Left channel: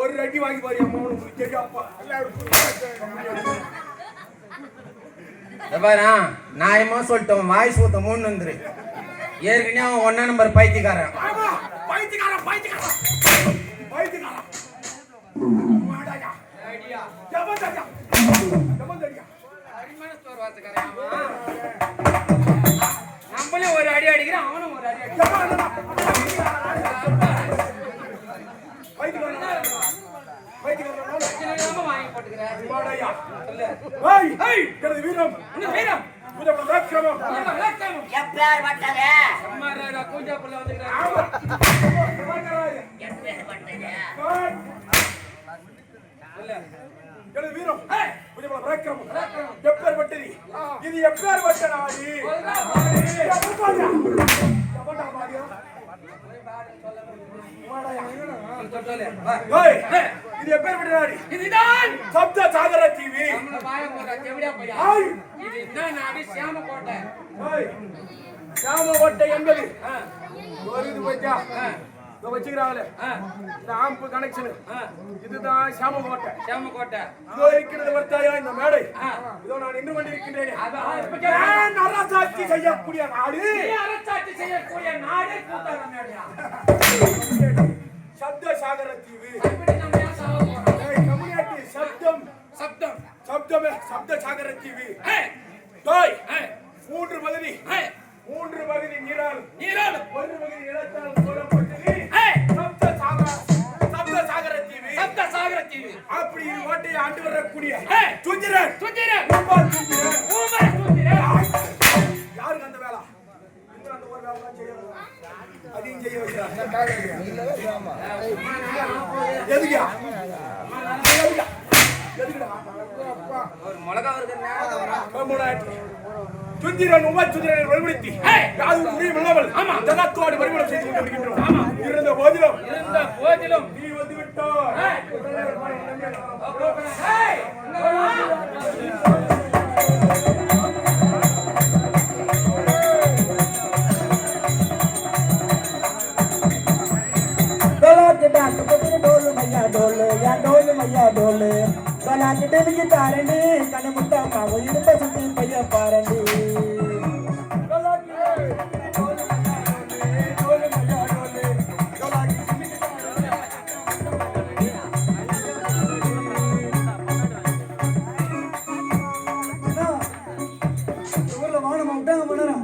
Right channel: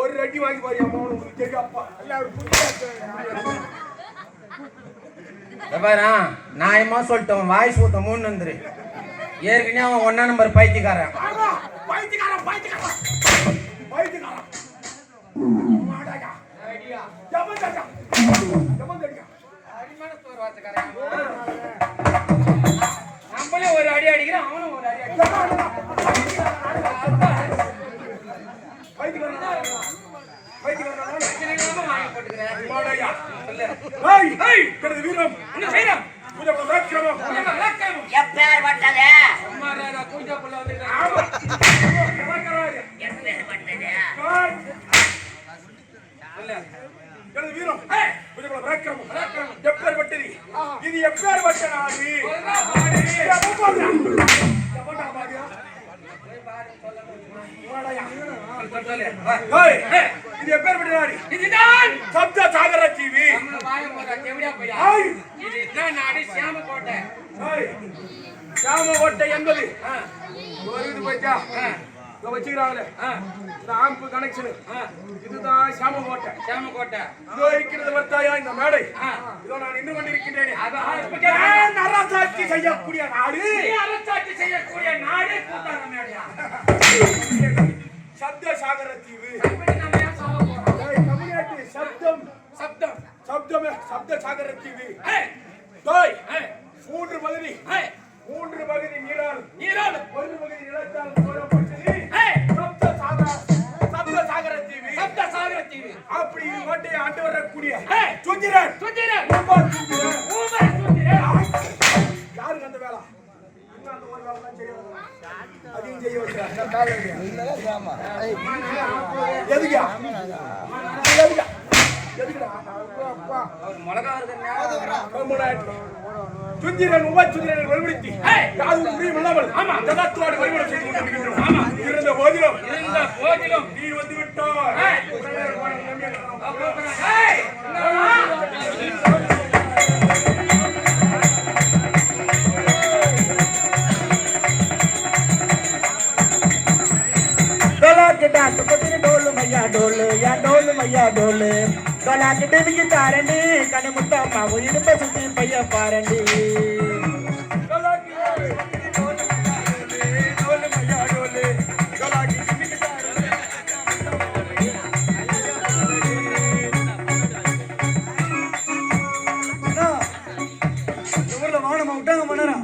ஒரு அடி வாங்கி பாரு அம்மா அப்பா எல்லாரும் நான் என்ன சொல்லிட்டேன் வாய்ஸ் ஊத்த மூணு வந்துரு ஏற்கனவே அவன் 1 நம்பர் பைத்தியக்காரன் பைத்தியக்காரன் பைத்தியக்காரன் பைத்தியக்காரன் மாடாயா ஐடியா ஜபந்தா ஜபந்தா அடிமான ஸ்டோர் வாசக்காரன் நம்மளே ஒரு அடி அடிக்கிறான் அவனும் ஒரு அடி அடிக்கிறான் இது எப்பேர் பட்ட நாடு இது எப்பேர் இதுதான் சப்த சாகர டிவி சாமகோட்டை என்பது இது போச்சா வச்சுக்கிறாங்களே இந்த ஆம்பு கனெக்ஷன் இதுதான் சாமகோட்டை சாமகோட்டை இதோ இருக்கிறது வர்த்தாயா இந்த மேடை இதோ நான் நின்று கொண்டிருக்கின்றேன் அரசாட்சி செய்யக்கூடிய நாடு அரசாட்சி செய்யக்கூடிய நாடு கூட்டாள மேடையா சப்த சாகர தீவு தமிழ்நாட்டு சப்தம் சப்தம் சப்தமே சப்த சாகர தீவு மூன்று பகுதி நீரால் ஒரு பகுதி நிலத்தால் சூழப்பட்டது சப்த சாகர தீவு அப்படி இது கோட்டையை ஆண்டு வரக்கூடிய சுந்திரன் யாருக்கு அந்த வேலை அந்த ஒரு வேலை தான் செய்ய அதையும் செய்ய வைக்கிறாங்க எதுக்கா சுந்திரன் உபசுந்திரனை வலுப்படுத்தி யாரும் முடியும் இல்லாமல் ஜகத்தோடு வழிபடம் செய்து கொண்டிருக்கின்றோம் இருந்த போதிலும் நீ வந்து விட்டார் డోలు డోలాకి డెలికి తారండి కని ముట్టమ్మ ఇనుప సుత్తి పయ్య పారండి ఊర్లో వాడమ్మ ఉంటాங்க మనరా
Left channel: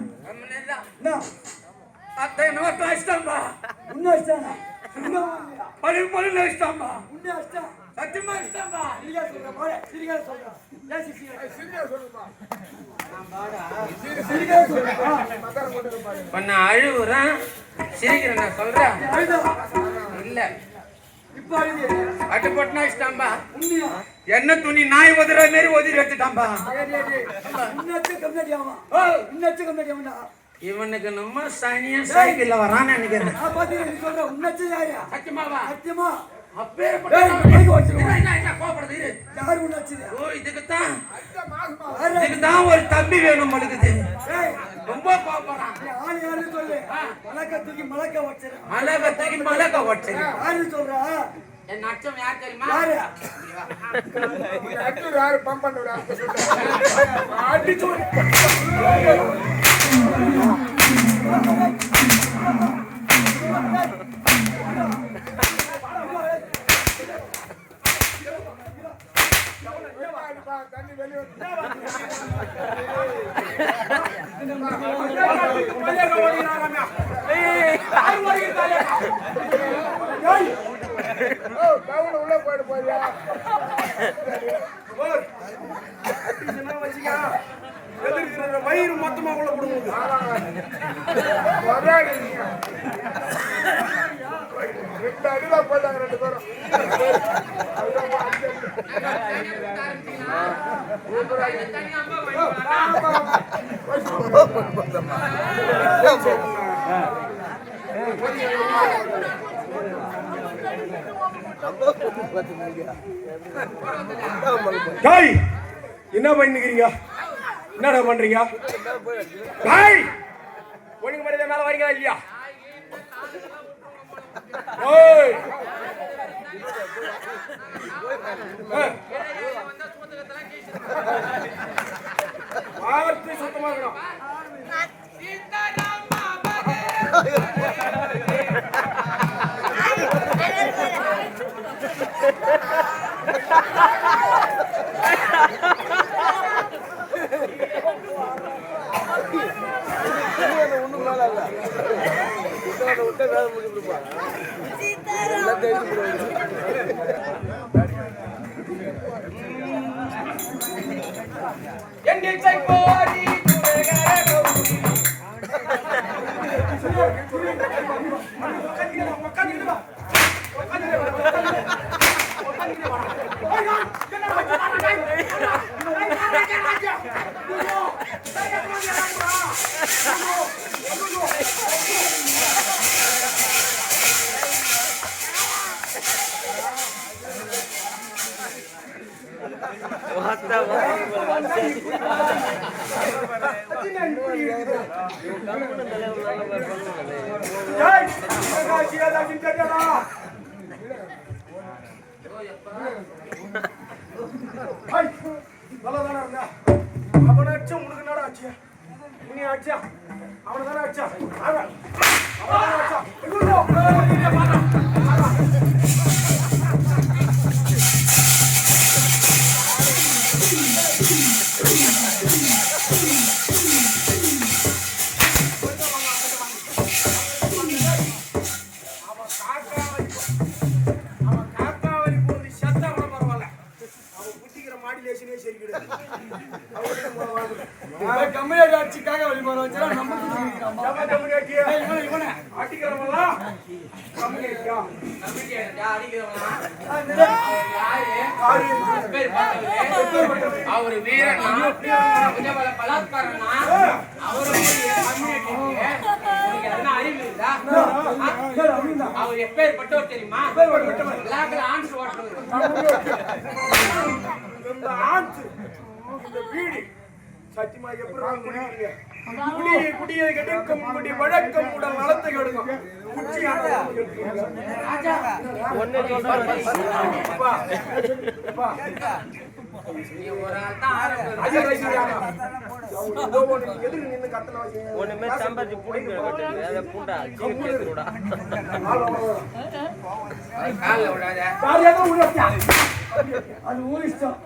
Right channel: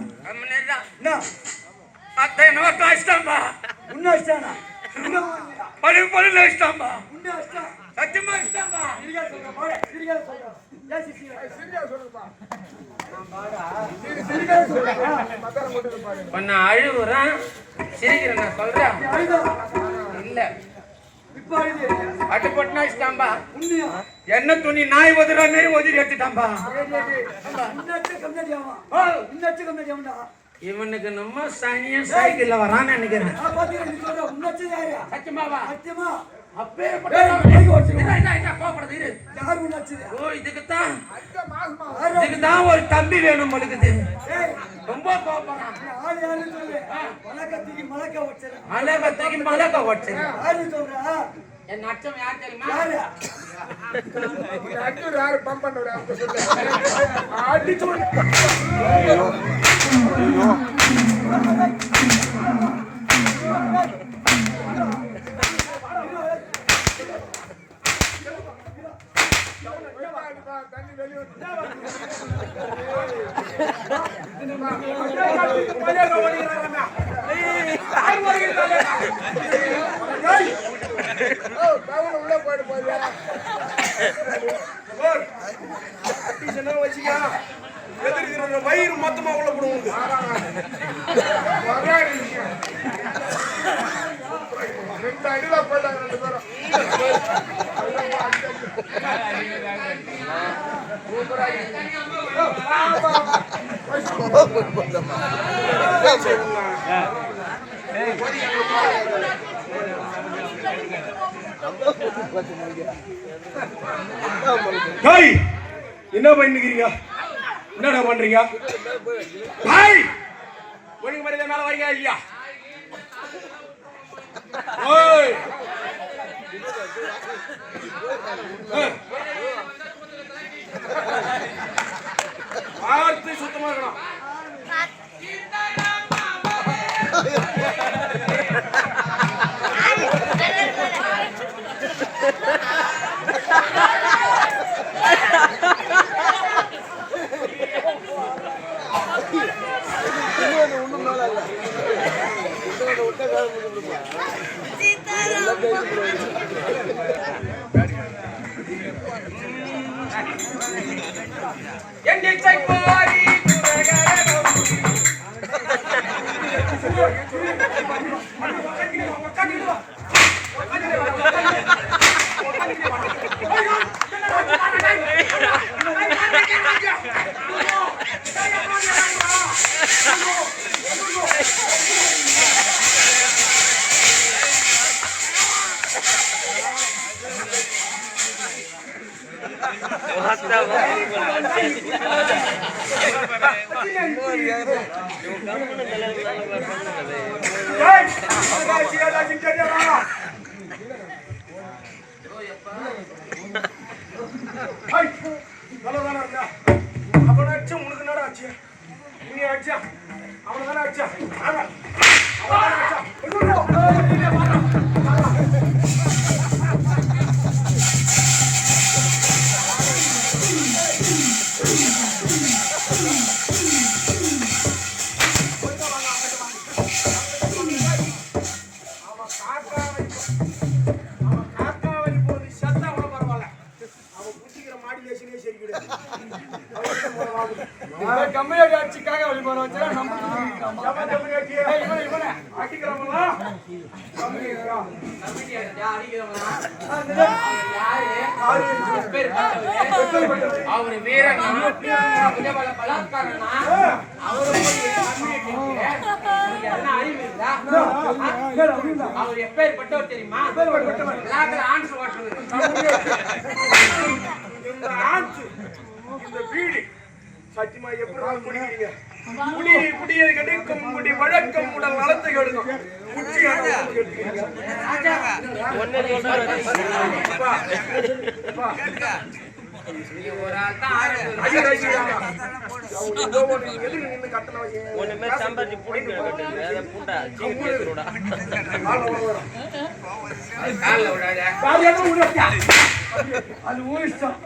అత్తే నోట్ ఇష్టమ్మా ఉన్న ఇష్టానా పడి ఇష్టమ్మా ఉన్న ఇష్టం சத்தியமா இஷ்டம்பா சிரிகா சொல்றா பண்ண அழுகுறான் சிரிக்கிறேன் நான் சொல்றேன் இல்ல இப்ப அட்டு போட்டுனா இஷ்டம்பா என்ன துணி நாய் ஒதுற மாரி ஒதுரி எடுத்துட்டாம்பா இவனுக்கு நம்ம சனியும் சைக்கிள்ல வரான்னு நினைக்கிறேன் சத்தியமாவா சத்தியமா இதுக்குதான் ஒரு தம்பி வேணும் மடுக்குது ரொம்ப மலக்க வச்சு என் அச்சம் யார் தெரியுமா வயிறு மொத்தமா உள்ள போடுவது என்ன பண்ணிக்கிறீங்க? என்னடா பண்றீங்க? ஒழுங்கு மரியாதை மேல வரீங்களா இல்லையா? வார்த்தை சுத்தமா இருக்கணும். அவனாச்சும் உனக்கு என்னடா ஆச்சு? நீ ஆச்சா அவனதானே ஆச்சா? அவரு வீரன் பலாத்காரனா அவர் எப்பேற்பட்டவர் தெரியுமா? ஆன்சர் இந்த வீடு சத்தியமா எப்படி குடிக்கிறீங்க? குடியை கெடுக்கும் குடி வழக்கம் உடல் நலத்தை கெடுக்கும். அது ஊரிஷ்டம்.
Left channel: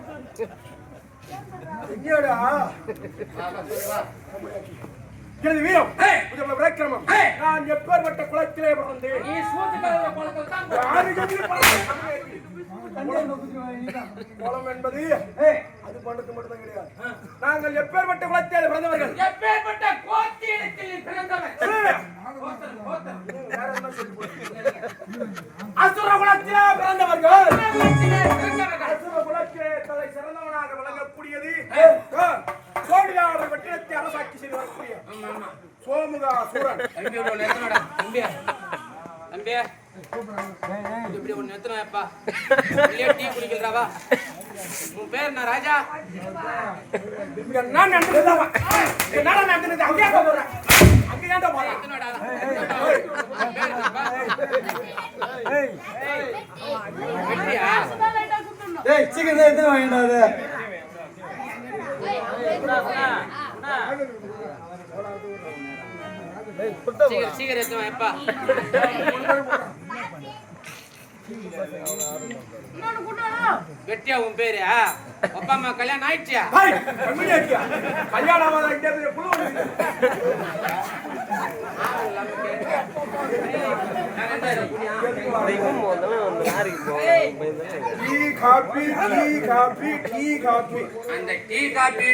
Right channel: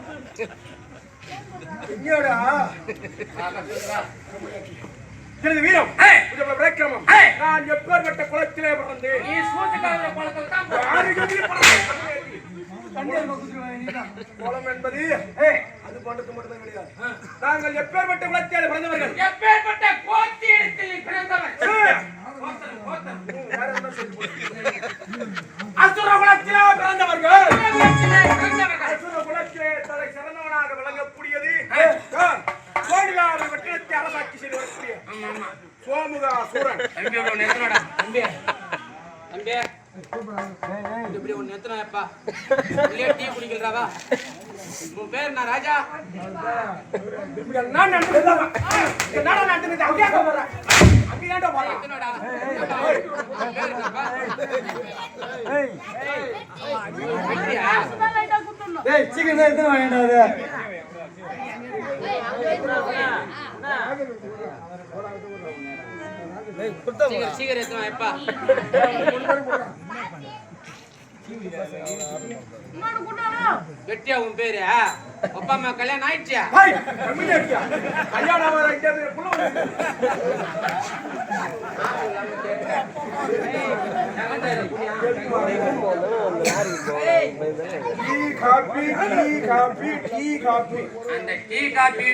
எனது வீரம் விக்ரமம். நான் எப்பேற்பட்ட குளத்திலே பிறந்து குளம் என்பது அது பண்டத்து மட்டும்தான் கிடையாது. நாங்கள் எப்பேற்பட்ட குளத்திலே பிறந்தவர்கள். எப்பேற்பட்ட கோத்தியத்தில் பிறந்தவர். அசுர குலத்திலே பிறந்தவர்கள். அசுர குலத்திலே தலை சிறந்தவனாக விளங்கக்கூடியது சோழியார் வெற்றிடத்தை அரசாட்சி செய்து வரக்கூடிய சோமுகா சூரன். இப்படி ஒண்ணு எத்தனாப்பா டீ குடிக்கிறவா? உன் பேர் என்ன ராஜா? நான் நடந்தது அங்கே போறேன். அங்கேயாண்டா போறேன். சீக்கிரம் எத்தனை வாங்கிடாது. சீக்கிரம் எத்தனாப்பா? வெட்டியா உன் பேரு அப்பா அம்மா கல்யாணம் ஆயிடுச்சியா? ஹாய் கம்மியா இருக்கியா கல்யாணம் ஆகாத இங்க புள்ள வந்து டீ காபி அந்த டீ காபி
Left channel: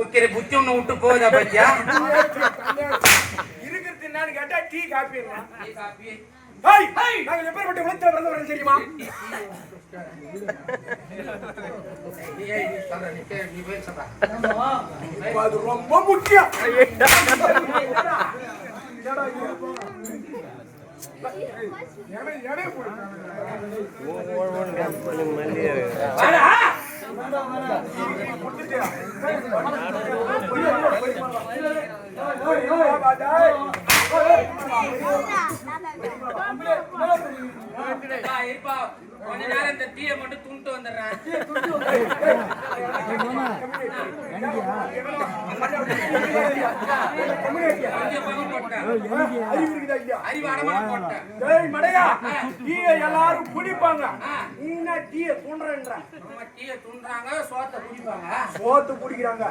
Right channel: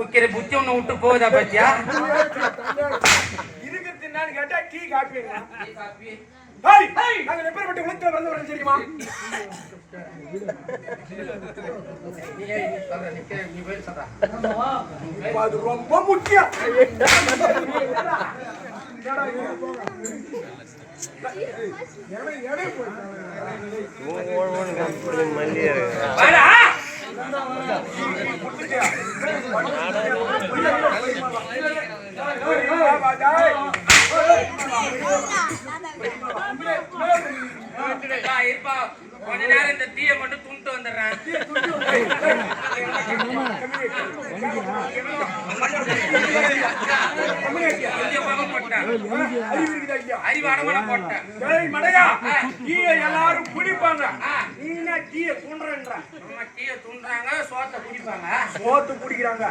உக்கிற புத்தி ஒண்ணு விட்டு போகுதா பத்தியா? இருக்கிறது என்னன்னு கேட்டா டீ காபிங்களா? ஹாய் நாங்க எப்பேற்பட்ட உலகத்துல பிறந்தவர்கள் தெரியுமா? இப்ப அது ரொம்ப முக்கியம். இருப்பா கொஞ்ச நேரம் இந்த டீயை மட்டும் துண்டு வந்துடுறேன். எல்லாரும் குடிப்பாங்க, சோத்தை குடிப்பாங்க, சோத்து குடிக்கிறாங்க.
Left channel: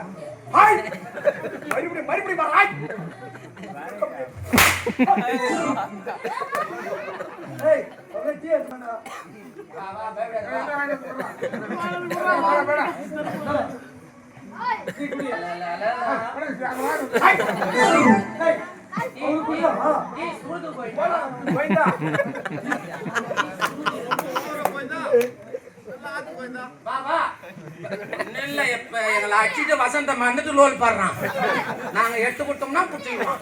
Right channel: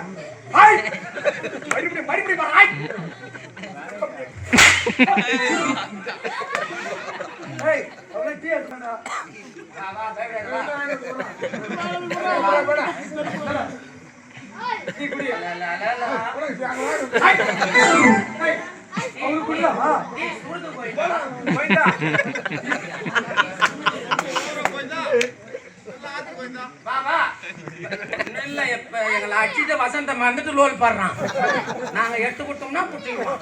எங்களை அடிச்சுட்டு வசந்தம் வந்துட்டு லோல் பாடுறான். நாங்க எடுத்து கொடுத்தோம்னா புட்டிடுவோம்.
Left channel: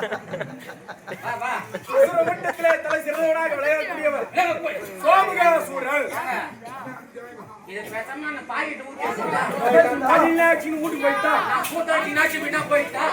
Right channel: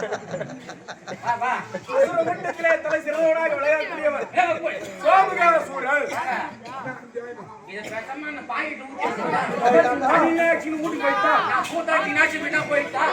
தலை சிறந்தவனாக விளையாடக்கூடியவர் சோமகாசூரன். தனியாட்சின்னு மூட்டி போயிட்டா போயிட்டா